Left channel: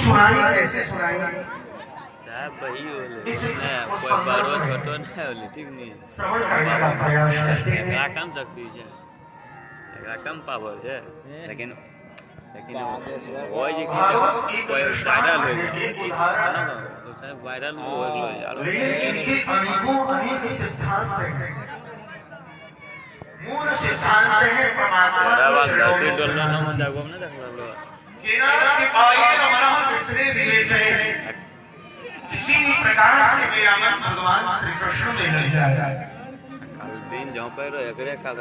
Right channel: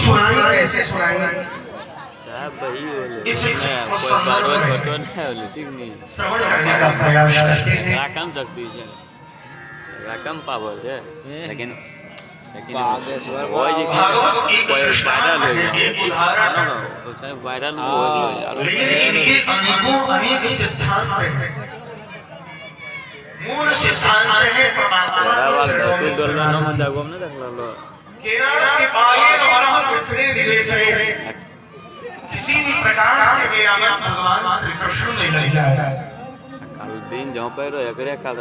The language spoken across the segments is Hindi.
सुनाई कैसे सुनाई साहब भाई बोले कोई बारो छोटो ना बोले ठीक नहीं श्रवण करने का प्रयास करते हैं। रकम सकती है रकम पावर है लेकिन वो जी कोई वायरल हो गया तो चाहे वायरल हो गया लेकिन इनके अनेकों अनेक सिद्धांत हैं। मूल सिद्धांत है परमात्मा बात धरती डोलना न मत जागो ना देख लो केरा के आगे हमारा दूसरे निवेश है। किसी प्रकार से मेरा मन भगवान श्री कृष्ण में लग जाए। कल दिन जाओ पर एकरे काल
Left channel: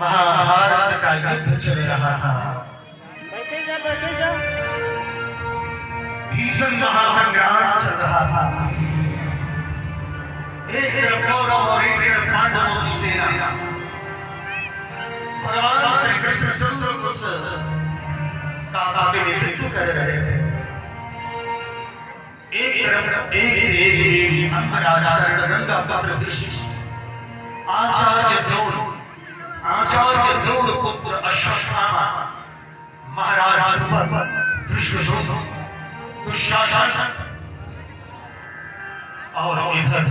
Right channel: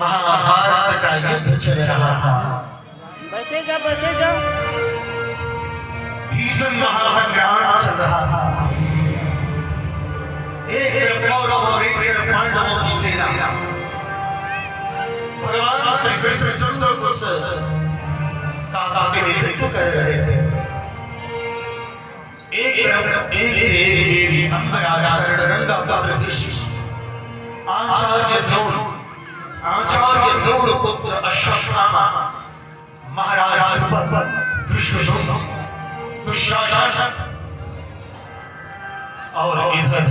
महाभारत का युद्ध चल रहा था। बैठे जा भीषण महासंग्राम चल रहा था। एक कौरव और एक पांडवों की सेना भगवान श्री कृष्ण चंद्र को के नेतृत्व कर रहे थे। एक से एक देवी अंगराज गंगा का प्रदेश आचार्य द्रोण पुत्र अश्वत्थामा महाराज दुष्योधन दुशासन और इधर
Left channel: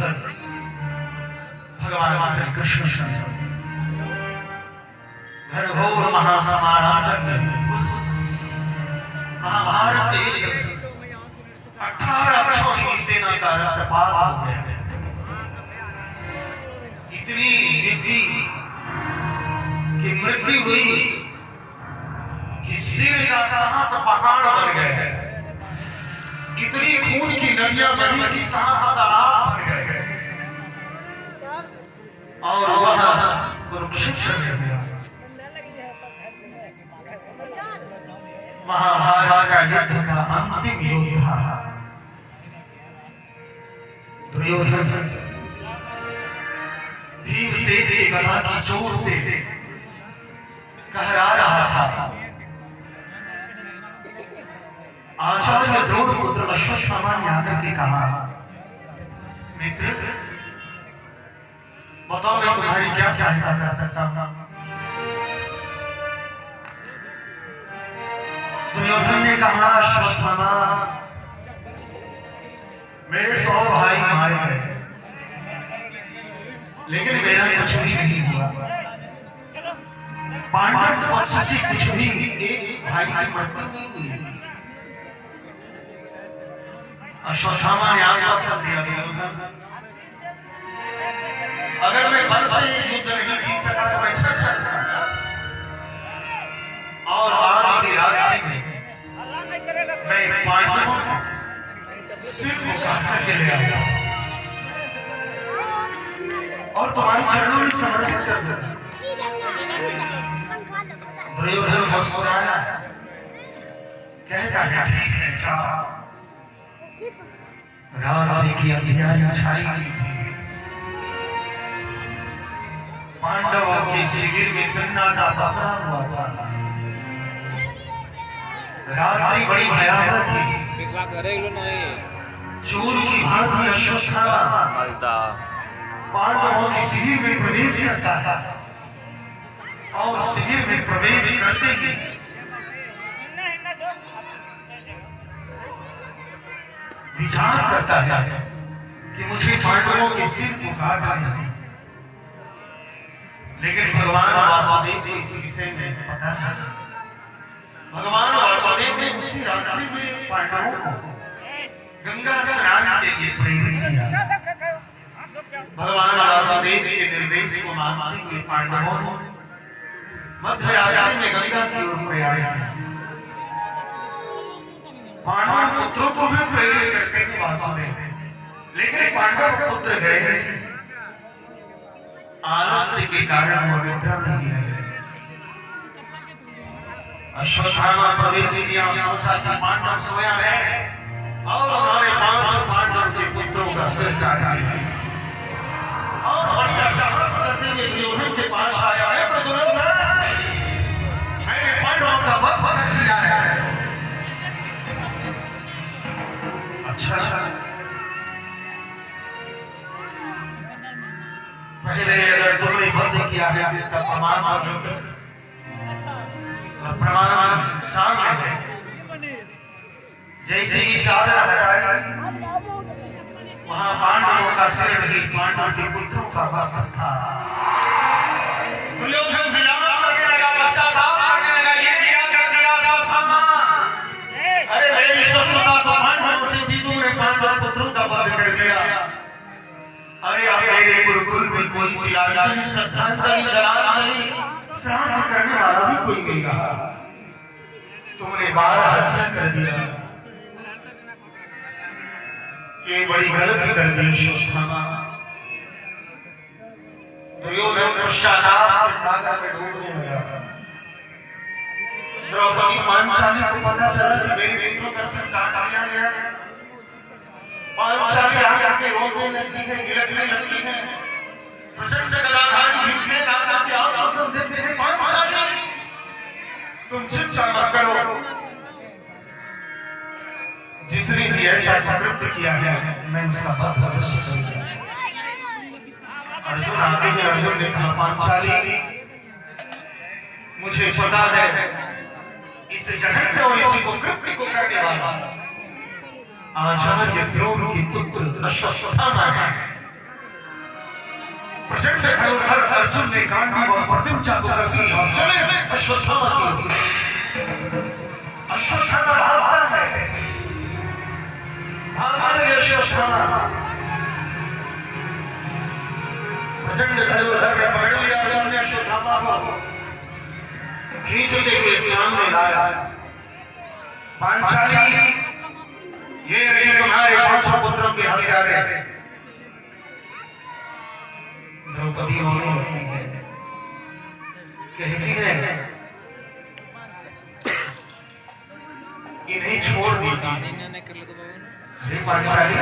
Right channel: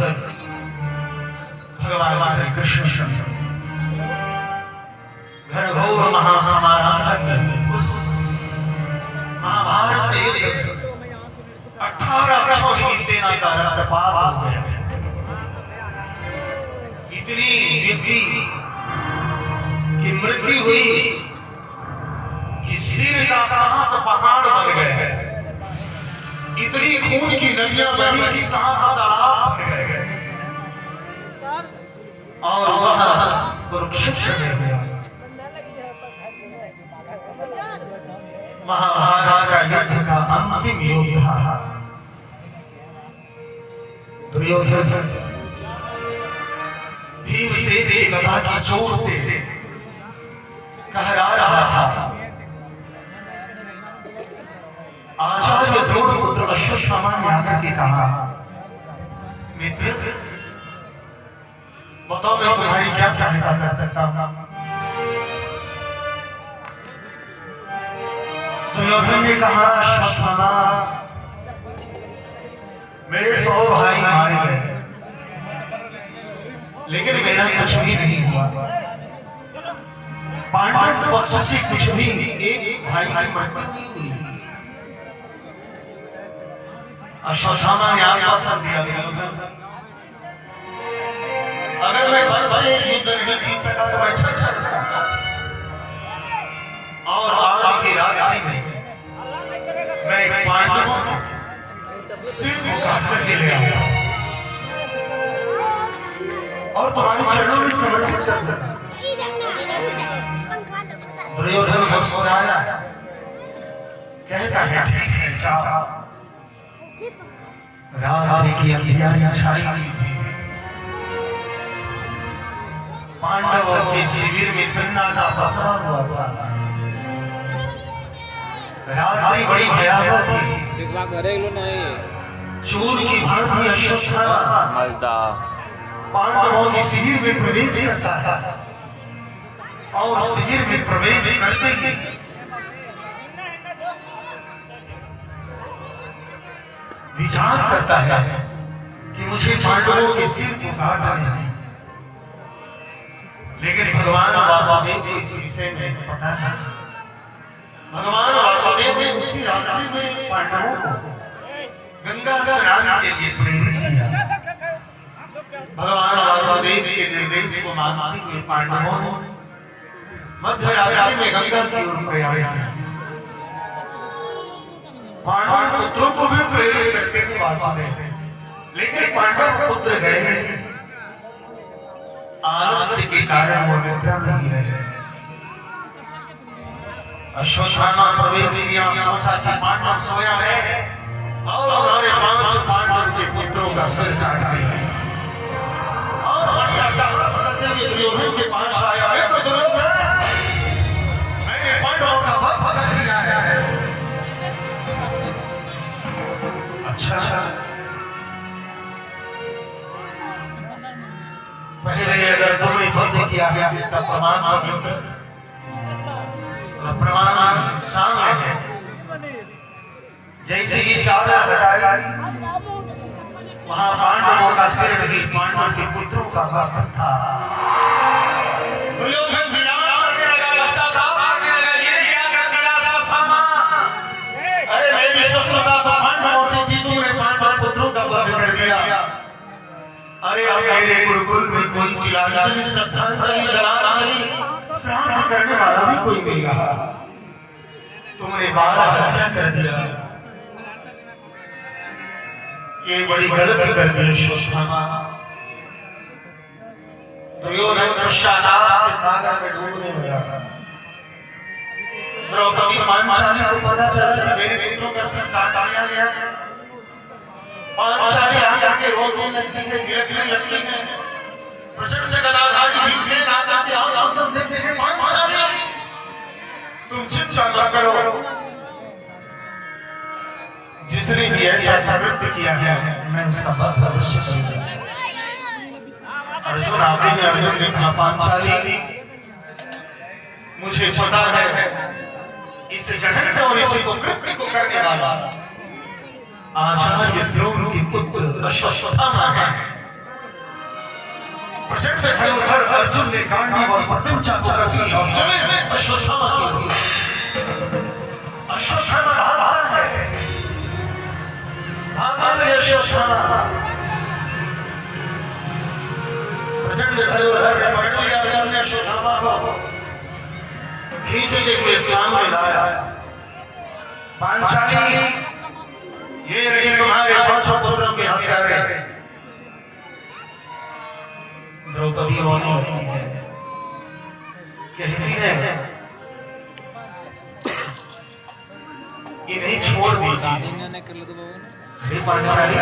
भगवान श्री कृष्ण घनघोर महासमाराधन उस महाभारत के 18 छोटी सेना का रक्तपात हो गया। इतनी व्यक्ति की मृत्यु हुई कि सिर का सात पहाड़ बन गए। इतनी खून की नदियां बही कि सात तालाब बन गए और वहां कुरुक्षेत्र में गया। महाभारत का युद्ध का अंतिम योद्धा दुर्योधन भीमसेन की गदा की जोर से कहरा रहा था। आचार्य द्रोण पुत्र अश्वत्थामा ने आकर के कहा, मित्र बताओ मैं तुम्हारी क्या सहायता कर सकता हूं। दुर्योधन ने कहा, अश्वत्थामा मेरे 100 भाई मारे गए लेकिन मेरा कुछ भी नहीं हुआ। पांडव पक्ष से कुछ भी एक भाई की मृत्यु नहीं हुई। अश्वत्थामा ने आश्वासन दिया, अगर मैं बल से युद्ध नहीं जीत सका तो मैं छल सकता और आज की रात में मैं पांडवों को सिर को काट करके ले आऊंगा और तुम्हारे चरणों में समर्पित कर दूंगा। दुर्योधन मुस्कुराया, कहता है ठीक है जाओ। रात की अंधियारी छाई हुई थी। पांडवों के शिविर में सन्नाटा पसरा हुआ था। रात्रि बड़ी भयावह थी। चोर की भांति अश्वत्थामा पांडवों के शिविर में प्रवेश करता है और शिविर में प्रवेश करते ही विचार करता है कि मुझे पांडवों के सिर को काटना है। लेकिन भगवान वासुदेव को इस विषय में पता है। भगवान वासुदेव ने उसी रात्रि में पांडवों को गंगा स्नान के लिए प्रेरित किया। भगवान वासुदेव के निर्देश को मानते हुए पांडवों ने मध्य रात्रि में गंगा की ओर प्रयाण किया। पांडव पुत्रों को भी प्रेरित करते थे वासुदेव, लेकिन पांडव पुत्र गए नहीं। आलस्य के कारण वो निद्रा में रहे। अश्वत्थामा प्रवेश किया, सोचा कि पांडव सोया है और हमारे 5 पांडव के पुत्रों का सिर काट दिया और बढ़िया कहास करते हुए दुर्योधन के पास आया है। तो दुर्योधन मैंने पांडवों का वध कर दिया है। अच्छा पहले अगर तुमने वध किया है इसका प्रमाण प्रमाण सामने है। जैसे ही चादर हटाई वहां पांडवों का सिर नहीं, पांडवों के पुत्रों का वस्त्र था। दुर्योधन विलाप करने लगा, पश्चाताप करने लगा, ये क्या कर दिया अश्वत्थामा? अरे मेरी शत्रुता तो पांडवों से जीती, मेरे पांडव पुत्रों का वध कर दिया। अरे अब मेरे गुरुकुल में कोई तिलांजलि, श्रद्धांजलि, जलांजलि, श्राद्ध करने वाला भी कोई नहीं रहा। तुमने 12 हत्या कर दिया, ये बड़ी गलती कर दी अश्वत्थामा। दुर्योधन पश्चाताप के सागर में डूबने लगा। द्रौपदी पांचाली को पता चला कि मेरे पुत्रों का संस्कार किया गया है। पांचाली आकर के रोने लगती है, गिरने लगती है। प्रचंड गदाधारी भीमसेन आकर के आश्वासन देते हैं, पांचाली तुम चिंता न करो, जिसने भी ऐसा कृत्य किया है मैं उसका वध अवश्य करूंगा। अर्जुन आगे में अर्जुन ने कहा, पांचाली मुझे पता है इस जगत और इसी को कृत्य को करने वाला आचार्य द्रोण के पुत्र अश्वत्थामा है। प्रचंड धनुर्धर अर्जुन ने गांडीव और प्रत्युचा को कसी और चले अश्वत्थामा की ओर। अश्वत्थामा भागता है, अश्वत्थामा प्रचंड धनुर्धर ने पकड़ लिया अश्वत्थामा को, खींचते हुए सामने लाया। पांचाली ये रही तुम्हारे 5 पुत्रों के हत्यारे। द्रौपदी रोने लगती है, कहती है इन्हें छोड़ दीजिए। पांचाली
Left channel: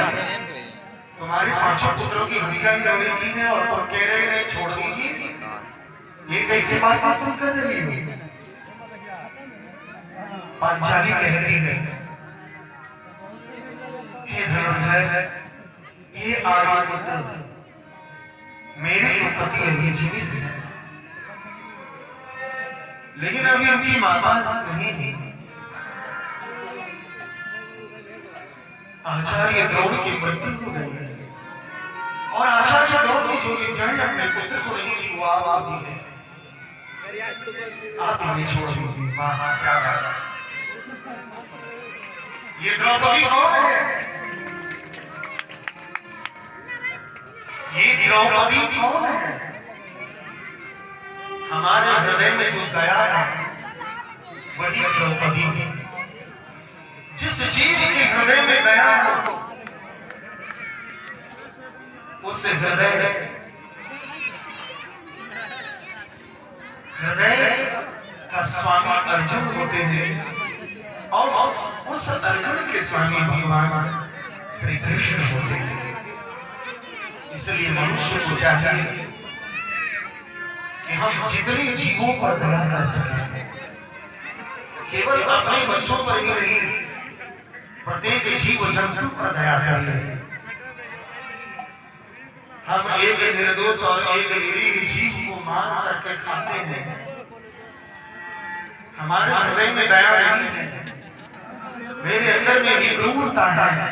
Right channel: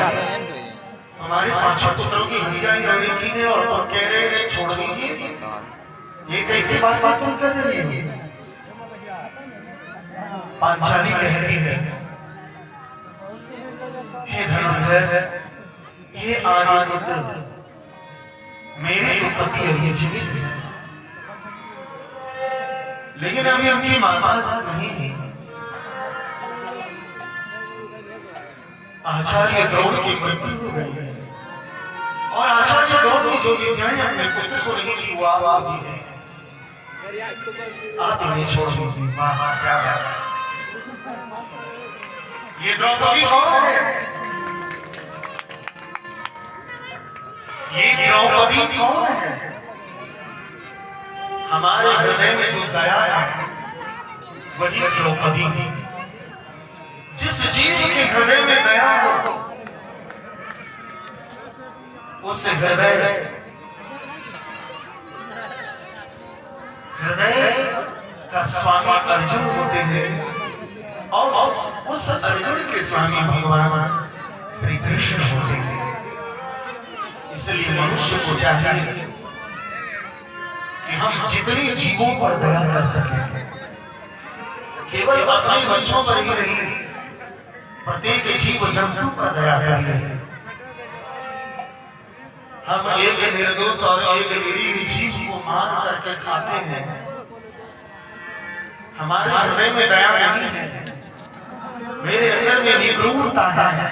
तुम्हारे 5 पुत्रों की हत्या इन्होंने की है और तुम कह रहे हैं छोड़ दीजिए? ये कैसी बात तुम कर रही है? पांचाली कहती है, हे धनुर्धर, ये आगे पुत्र मेरे तो पति अभी जीवित है, लेकिन अभी उनकी माता नहीं है। आचार्य द्रोण की मृत्यु हो गई है और आचार्य द्रोण ने जो विद्याएं अपने पुत्र को नहीं दी वो आप दी है। आप इन्हें छोड़ दीजिए। क्या बात है? ये द्रौपदी कौन है? ये द्रौपदी कौन है? हमारे हृदय में जो गया है वही द्रौपदी है। जिस जीव के हृदय में गया हो उस हृदय का स्वामी अर्जुन होते हैं और उस अर्जुन के स्वामी भगवान श्री कृष्ण होते हैं। इसलिए मनुष्य को चाहिए कि हम जितने जीवों पर दया कर सकें, केवल अपने बच्चों पर ही नहीं, प्रत्येक जीव जंतु पर दया करें। हम एक निर्दोष और एक निरीह जीव को मार करके खाते हैं, हमारे हृदय में दया नहीं है, मेरे अंदर में निगूढ़ता है।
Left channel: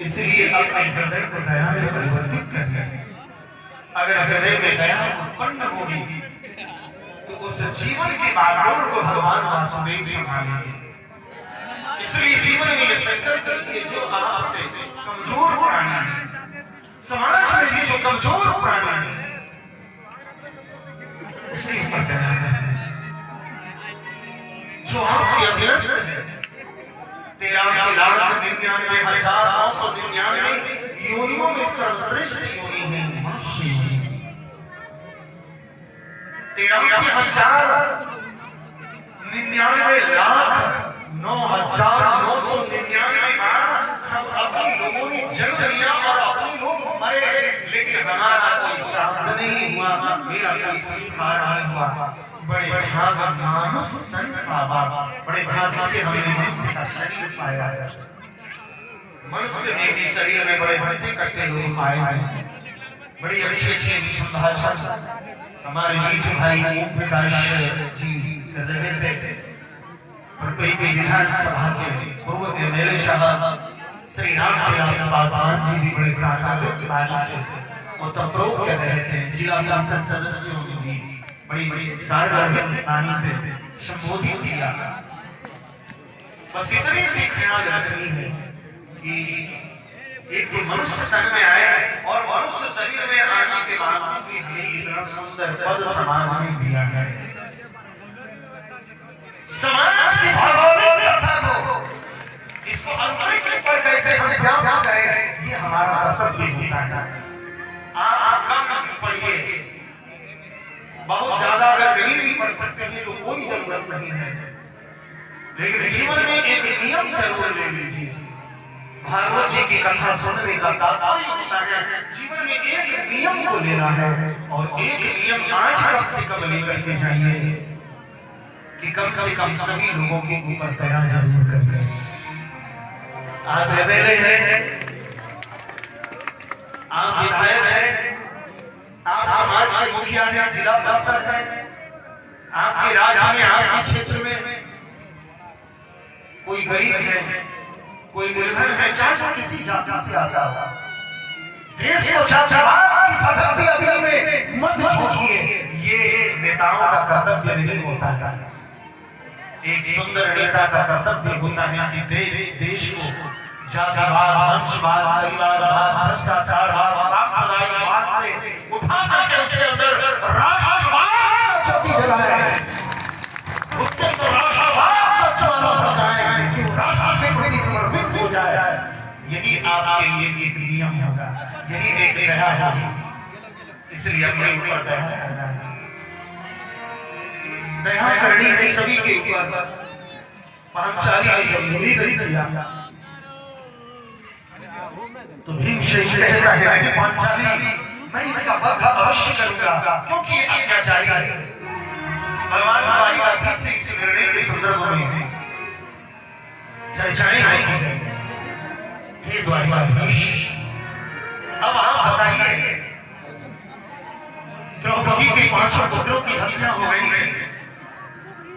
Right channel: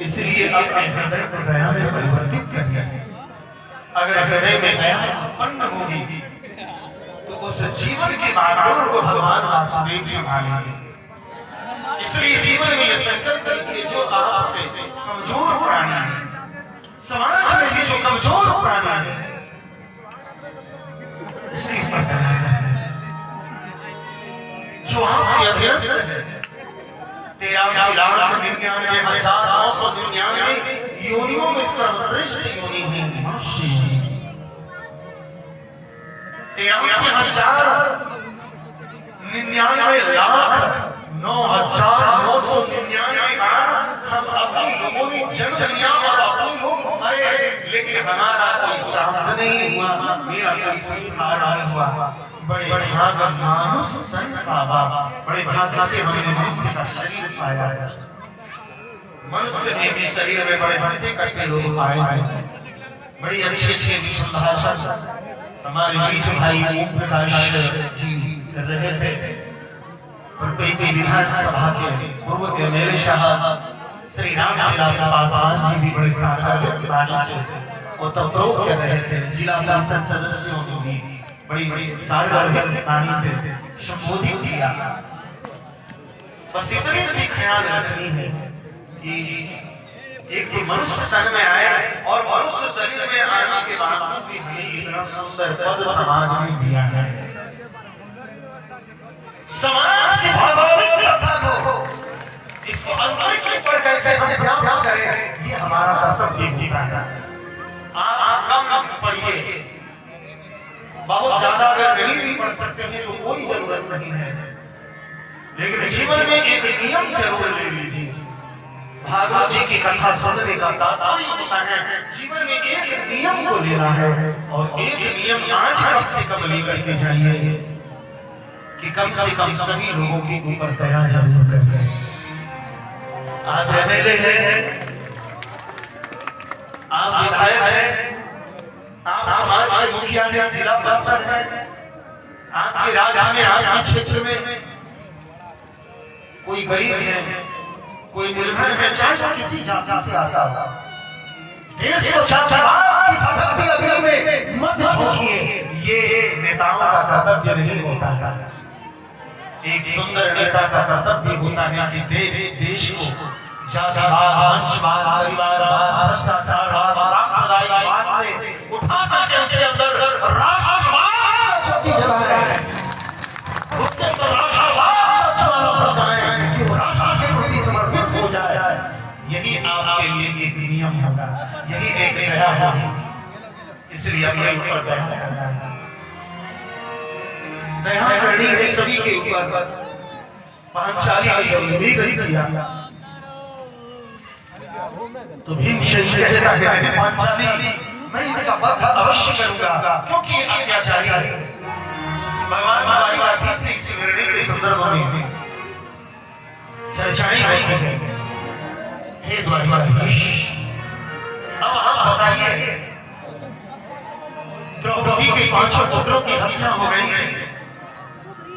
इसलिए अपने हृदय को दया में परिवर्तित करें। अगर हृदय में दया उत्पन्न होगी तो उस जीवन के बागडोर को भगवान वासुदेव संभालेंगे। इसलिए जीवन में यह संकल्प कीजिए, जो आपसे कमजोर प्राणी है, समाज में भी जो कमजोर प्राणी है, इसकी पर दया करें। जो आपके अभ्यस्त है 83,99,999 योनियों में सर्वश्रेष्ठ योनि है मनुष्य। 83,99,999 बार हम अपनी लोगों ने जन्म लिया और अपने लोग आए, लेकिन हमारा कोई साथ नहीं हुआ, मेरा कोई संस्कार नहीं हुआ। बड़े भाग मानुष जन्म का बाबा, बड़े भाग्य से हमने मनुष्य का शरीर पाया है। मनुष्य में भी शरीर में बड़े भक्ति करते लोग आए हैं। बड़ी अच्छी अच्छी भाषा हमारे बीच भाई ओम प्रकाश जी कर रहे थे, पर रुपए की विधानसभा के पूर्व एमएलए साहब श्री राम विलास पासवान जी भी बड़ी सार्थक वाणी से ओतप्रोत कर रहे थे। जिला परिषद सदस्यों ने भी बड़ी सार्थक वाणी से संबोधित किया। बस इतनी सी ख्याल रखनी है कि एक तो मनुष्य तन में आए और मनुष्य शरीर में आने के बाद भी हमें इतना सुंदर पद समाज में दिया है। समाज की भौगोलिक दशा को इसको अंतरिक्ष पर कैसे हम ध्यान करें, ये हमारा कर्तव्य होता है। आप कम पढ़िए, बहुत ज्यादा अगर नहीं भी पढ़ सकते हैं तो कोई जरूरत नहीं है, लेकिन जीवन में एक नियम जरूर ले लीजिए। भागवत जी की कथा सुनने का तात्पर्य होता है जीवन में एक नियम को लेना है, और एक नियम आज कम से कम लेकर के जाइए कि कम से कम सभी लोगों के ऊपर दया जरूर करें। आप एमएलए हैं, आप विधायक हैं, आप समाज के मुखिया हैं, जिला परिषद हैं, आपके राज्य में, आपके क्षेत्र में कोई गरीब है, कोई निर्धन है, चाहे किसी जाति से आता हो, देश को जातिवाद की आजादी में मत झोंकिए। ये नेताओं का कर्तव्य नहीं होता है। एक सुंदर नेता का कर्तव्य होता है कि देश को जातिवाद, वंशवाद, परिवारवाद, भ्रष्टाचारवाद, सांप्रदायिकवाद से उठाकर के उसके अंदर राष्ट्रवाद ज्योति जलाए, उसके अंदर राष्ट्रवाद ज्वाला बरसाए, कि राष्ट्र के प्रति समर्पित हो जाए। यही आपके लिए एक नियम होगा, यही एक दया होगी। इसलिए अपने ऊपर दया करना है, दया करनी है सभी के ऊपर। पांचाली ने किया तो भीम से कहता है पांचाली मैं इसका वध अवश्य करूंगा, क्योंकि ये अत्याचारी है। भगवान द्वारिकाधीश से इस निर्णय के संदर्भ में चर्चाएं आई है। हे द्वारिकाधीश, अब आप बताइए, द्रौपदी के 5 पुत्रों की हत्या हो गई है,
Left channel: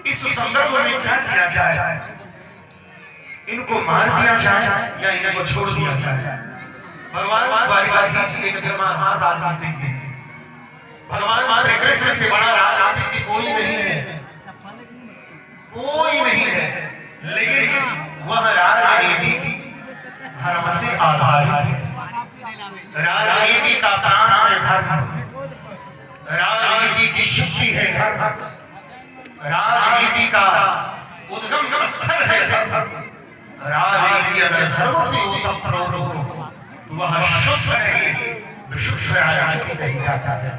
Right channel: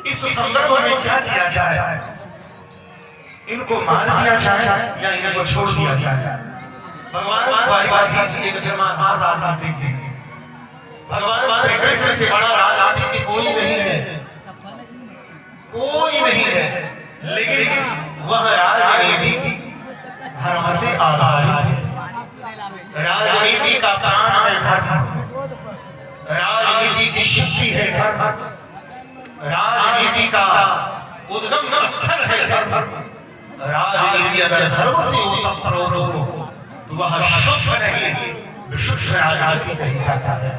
इस संदर्भ में क्या किया जाए? इनको मार दिया जाए या इनको छोड़ दिया जाए? भगवान द्वारिकाधीश एक धर्मात्मा राजनीति थे। भगवान श्री कृष्ण से बड़ा राजनीति कोई नहीं है, कोई नहीं है, लेकिन वह राजनीति धर्म से आधारित है। राजनीति का प्राण है धर्म, राजनीति की शक्ति है धर्म, राजनीति का उद्गम स्थल है धर्म। राजनीति अगर धर्म से ओतप्रोत हो तो वह शुद्ध नहीं, विशुद्ध राजनीति कही जाता है।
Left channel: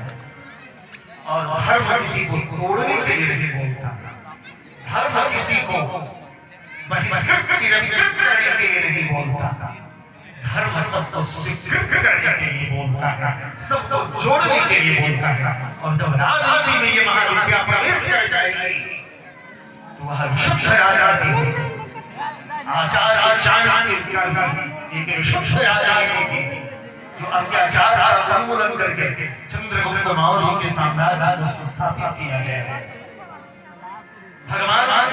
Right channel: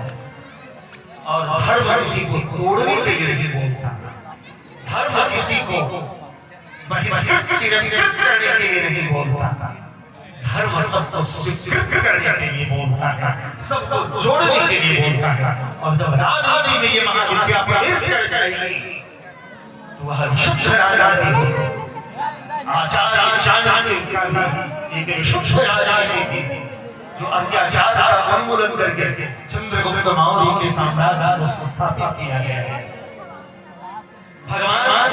और धर्म किसी को तोड़ने के लिए नहीं बोलता, धर्म किसी को बहिष्कृत तिरस्कृत करने के लिए नहीं बोलता, धर्म सबको स्वीकृत करने के लिए बोलता है, सबको जोड़ने के लिए बोलता है। और जब राजनीति में ये महाविद्या प्रवेश कर जाएगी तो वह विशुद्ध राजनीति, आचार एक विशुद्ध राजनीति जो अत्याचार का उन्मूलन करके चंद्रगुप्त मौर्य के साम्राज्य को स्थापित किया गया है। भगवान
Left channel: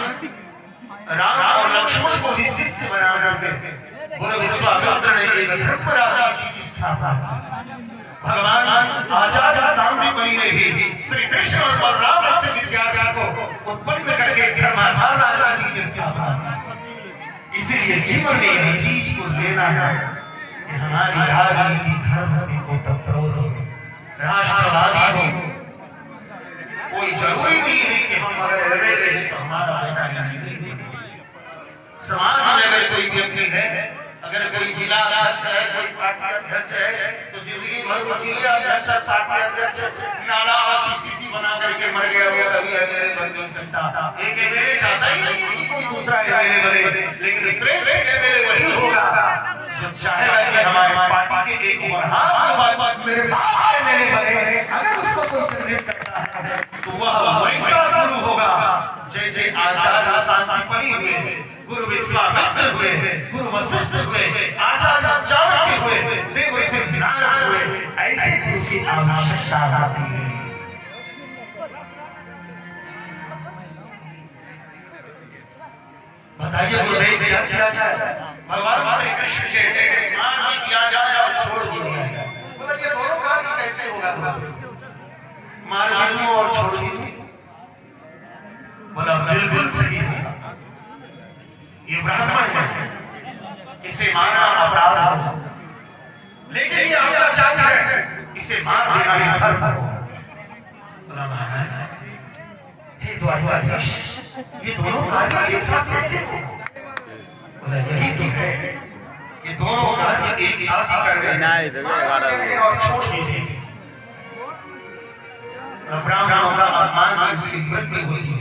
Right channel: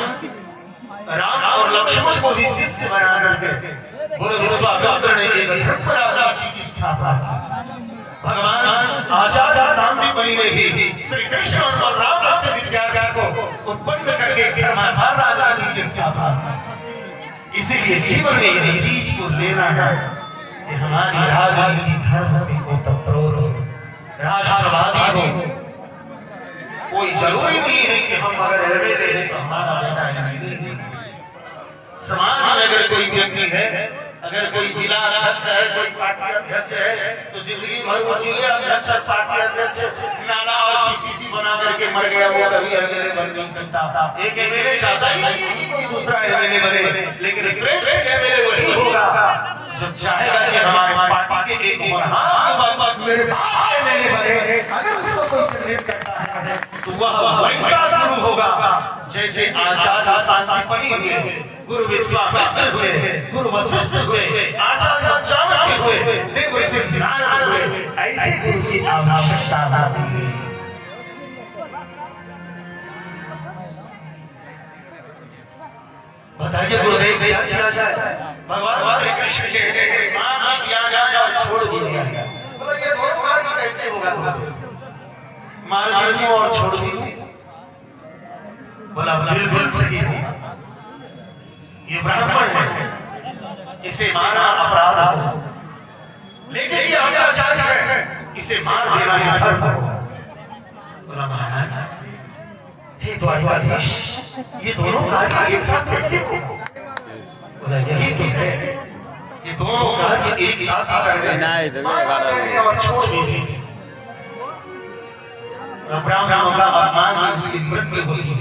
राम और लक्ष्मण को भी शिष्य बना करके गुरु विश्वामित्र ने एक धर्म राजनीति की स्थापना की। भगवान आचार्य शांति मुनि ने भी श्री कृष्ण और बलराम से विद्या को उत्पन्न करके धर्माधार राजनीति की स्थापना की। इसीलिए जीवन में एक चीज को लेना है कि हमारी राजनीति धर्म से ओतप्रोत हो, राष्ट्रवादी हो। कोई जरूरी नहीं है कि हम अगर एमएलए हैं तो हमारा बेटा नहीं। समाज में अगर कोई व्यक्ति है, अगर कोई जिला अध्यक्ष है, कोई पार्टी अध्यक्ष है, तो जिंदगी भर वो जिले अध्यक्ष, पार्टी अध्यक्ष, नाला और पीसीसी बना करके मर गया, वो कभी एमएलए बन नहीं सकता। एक एमएलए चाहता ही नहीं कि कोई दूसरा एमएलए बने, लेकिन श्रेष्ठ एमएलए वही होगा जो चाहेगा कि हमारे पार्टी के एक एमएलए बने। अगर उसको कोई चुनित करता है तो वह वैसा गुरु होगा जैसे आचार्य शांतिपनि हुए, गुरु विश्वामित्र हुए, गुरु वशिष्ठ हुए, आचार्य चाणक्य हुए, देव ऋषि नारद हुए। ऐसे गुरु की आवश्यकता होती है। बताइए गुरुदेव क्या किया जाए? भगवान श्री कृष्ण कहते हैं मान भी किया जाए और छोड़ भी दिया जाए। बोला ये दोनों कार्य कैसे होगा? मार भी दूं और छोड़ भी दूं? बोला बिल्कुल सही है। ये ब्राह्मण है, इसे मारना अपराध है, लेकिन ये अत्याचारी है, इसे मार देना ही धर्म है। बोला महाराज हे द्वारकाधीश, ये दोनों कार्य एक साथ कैसे हो? बोला यही तो है, ये दोनों कार्य एक साथ ही कर गए और छोड़ दीजिए। ब्राह्मणों का अपमान इसकी मृत्यु हुई है,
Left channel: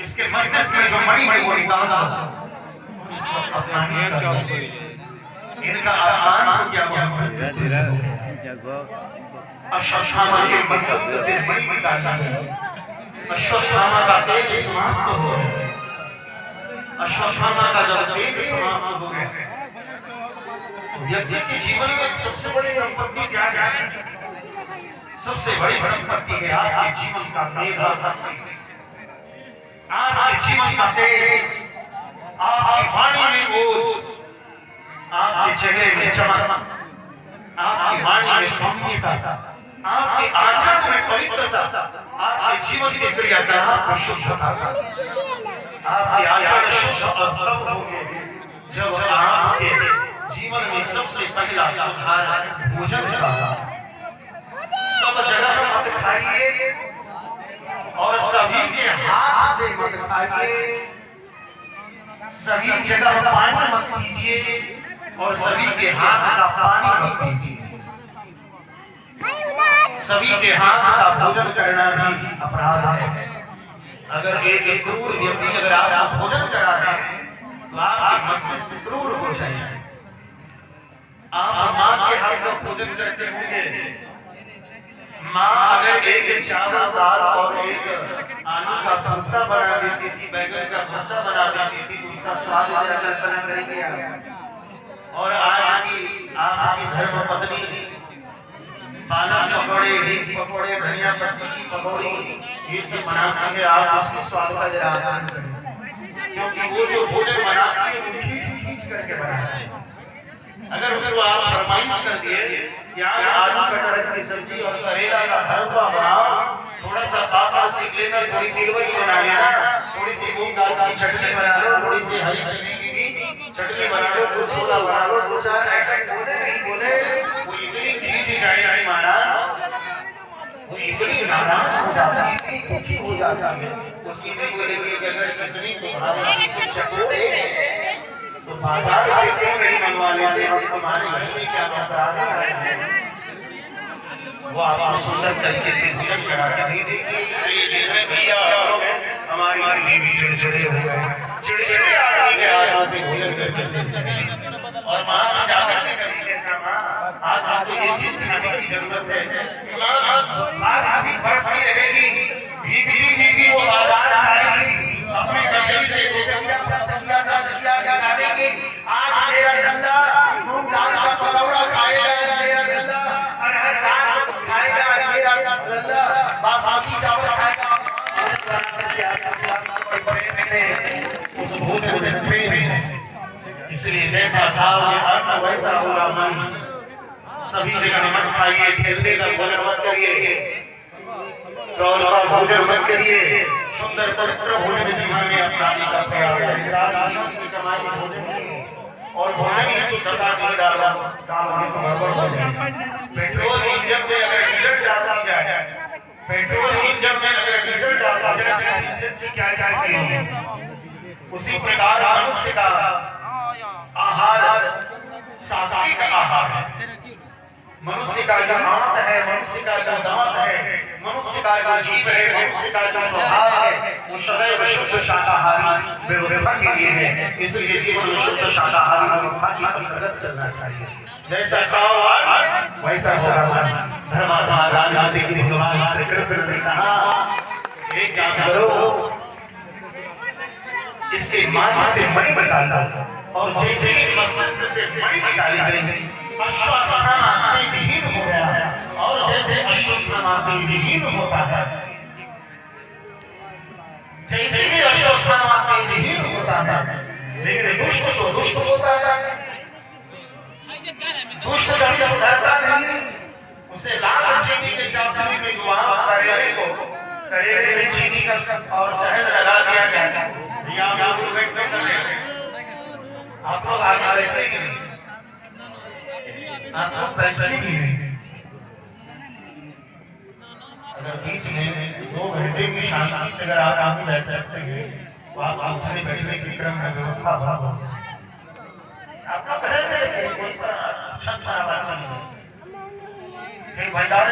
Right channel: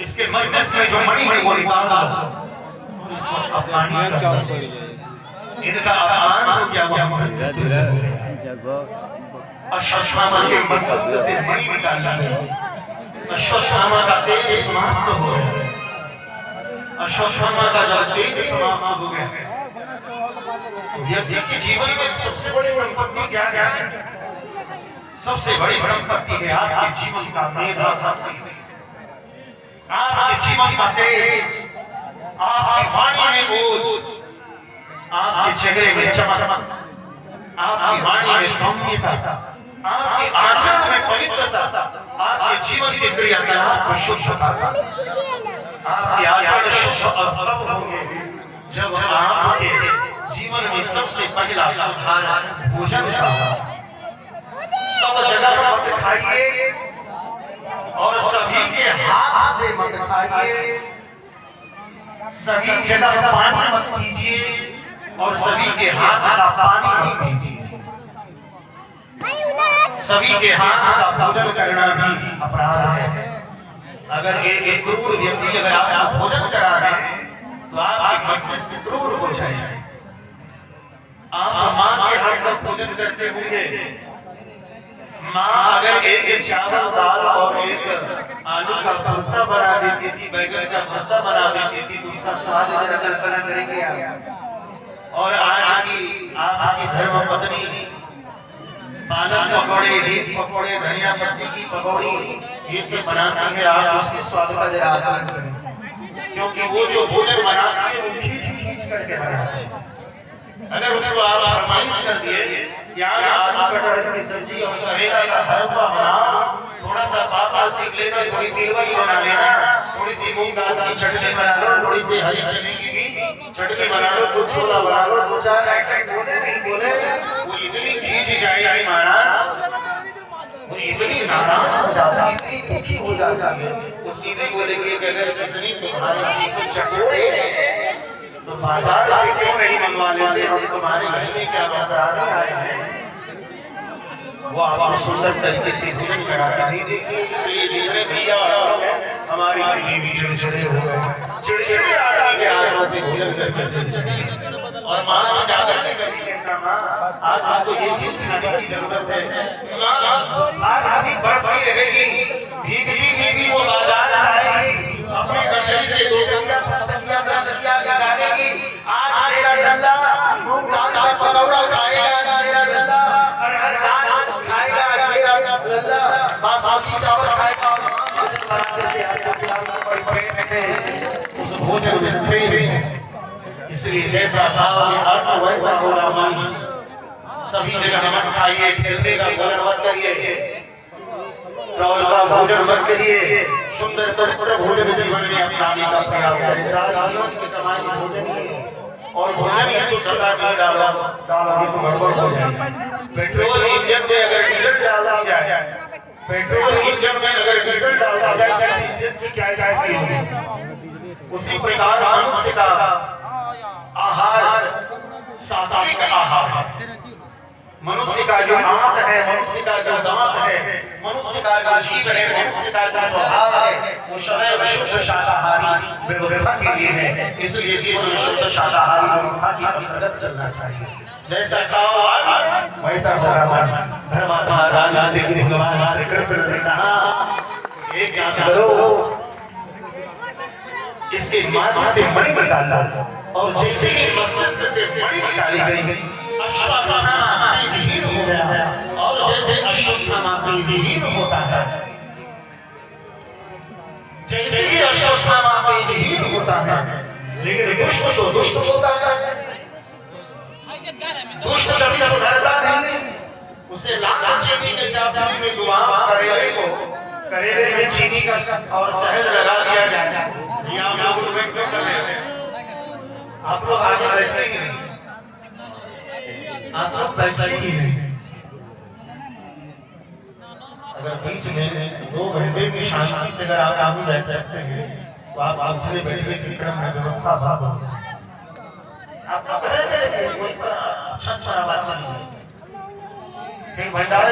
इसके मस्तिष्क में जो मणि है वो निकाल दो, इसको अपमान नहीं करना। इनका अपमान हो गया, अश्वत्थामा के मस्तक से मणि निकाल दिया, अश्वत्थामा का तेज समाप्त हो गया, अश्वत्थामा का जब तेज समाप्त हो गया तो व्यक्ति के जीवन में सबसे बड़ी संपत्ति क्या है? सबसे बड़ी संपत्ति है आपके जीवन का मेधा शक्ति, आपके जीवन का तेज, आपकी वाणी में बोझ, आपके चेहरे में चमक, आपकी वाणी में सौम्यता, आपके आचरण में पवित्रता, आपके जीवन की क्रियाकलाप में शुद्धता, आपके आचरण शुद्ध और तब होंगे जब आपके जीवन में सबसे पहला सुधार भोजन का। सब जगह पर मत खाइए और सभी के हाथ से मत खाइए, सभी जगह पानी मत पीजिए और सभी के हाथ का पानी मत पीजिए। सभी के हाथ का भोजन करना भी अपराध है। अगर एक क्रूर व्यक्ति अगर आप भोजन करा रहे हैं तो आपकी मस्तिष्क क्रूर हो जाएगा। आप माँ के हाथ का भोजन करते होंगे, माँ अगर एक चावल दाल और एक आलू का भरता बना देती थी, बैगन का भरता बना देती थी तो उसका स्वाद कल्पना करेंगे आप। और आज की आपकी धर्म पत्नी पालक पकौड़े, रीत पकौड़े, धनिया पत्ती की पकौड़ी ये सब बनाती है, आप उसके स्वाद का जरा आकलन करें, क्योंकि वो जो भोजन बनाती है वो खींच करके बनाती है। अगर उसको आप फरमाइश कर दिए यार आलू कटहल की सब्जी और करेला का हलवा बनाओ, थोड़ा सा पापा सीख लेना, थोड़ी तिलवरी बना लेना, थोड़ी सी मूंग दाल की चटनी बना लो, थोड़ी सी हरी चने की भी चटनी बना लो, कुछ छोला बना लो, दो चार आइटम बोले नहीं बोले वो इतनी खींच जाएगी महाराज, वो इतनी नाराज हो जाता है, इतनी दुखी हो जाता है। उसी से बोले कि अगर कितनी तुम्हारे चकोरे तो बाजार से क्यों नहीं मंगवा लेते, हम तुम्हारे घर में क्या बता आए हैं। वो आप सुंदर तरीके से जीवन कराते नहीं देखिए, इसलिए देखने भी हमारी बीवी चिड़चिड़े हो गए, चिड़चिड़े आदमी के आत्मा से भोजन करके और माँ से जाकर के कभी कहता माँ आज आपको ये चीज खाने की जरूरत है, आज इसकी बरसती रहेगी, भीगी भीगी वो बाजार जाएगी, अपनी गठरी से दो टकिया पांच टकिया दस टकिया गाड़ेगी, आज मेरा डंडा मूंग दाल का पकौड़ा खाएगा, मेरा डंडा अरहर दाल खाएगा, मेरा डंडा बासमती चावल खाएगा, उस भोजन में प्रेम। इसलिए जैसा खाओगे अन्न वैसा होगा मन। सभी जगह मत खाइए, ठेले का भोजन मत करिए, चौल का भोजन मत करिए, सुंदर पवित्र भोजन जीवन में अपनाने का प्रयास करें। सारा जीवन की कमाई भोजन की और भोजन की शुद्धता का डाला तो गड़बड़ हो जाए। पेट्रोल इंजन में अगर डीजल डाला जाए, पेट्रोल इंजन में अगर डीजल डाला जाए तो इंजन की क्या स्थिति होगी? उसी प्रकार मनुष्य का आहार सात्विक आहार है। मनुष्य का जो हाथ है, मनुष्य का जो दांत है, मनुष्य का जीव है, मनुष्य का जो स्वभाव है वो सदैव शुद्ध शाकाहारी व्यवस्था के लिए है। इसलिए जीवन में शुद्ध शाकाहारी व्यवस्था की प्रगति चलना चाहिए। जैसा खाओ वैसा होगा। धर्मात्मा गांधी जी ने भगवान श्री कृष्ण से कहा एक काम करो, इसके माध्यम से मणि निकालना और जैसे ही मस्तिष्क से मणि निकाली गई अश्वत्थामा तेजहीन हो गया और जैसे अश्वत्थामा तेजहीन होता है, जैसे ही अश्वत्थामा तेजहीन होता है लेकिन दुष्ट तो दुष्ट होता है, दुष्ट कभी सुधरता नहीं। उसे लाल चीनी में चाशनी में गुलाम करेले को करेले में चीनी का और शहद लगा दिया गया। ये आप लोग बैठ कर रहे हैं, आप लोग आगे बैठेंगे नहीं, आप लोग बैठेंगे नहीं। अगर बीच में 2 घंटे की शांति से अगर आप आगे बैठ सकते हैं तो आप दूसरे बैठने के क्रम में व्यवस्था भाग हो। आप घर पे रहिए, कोई अच्छा बात नहीं है। फिर भंडारे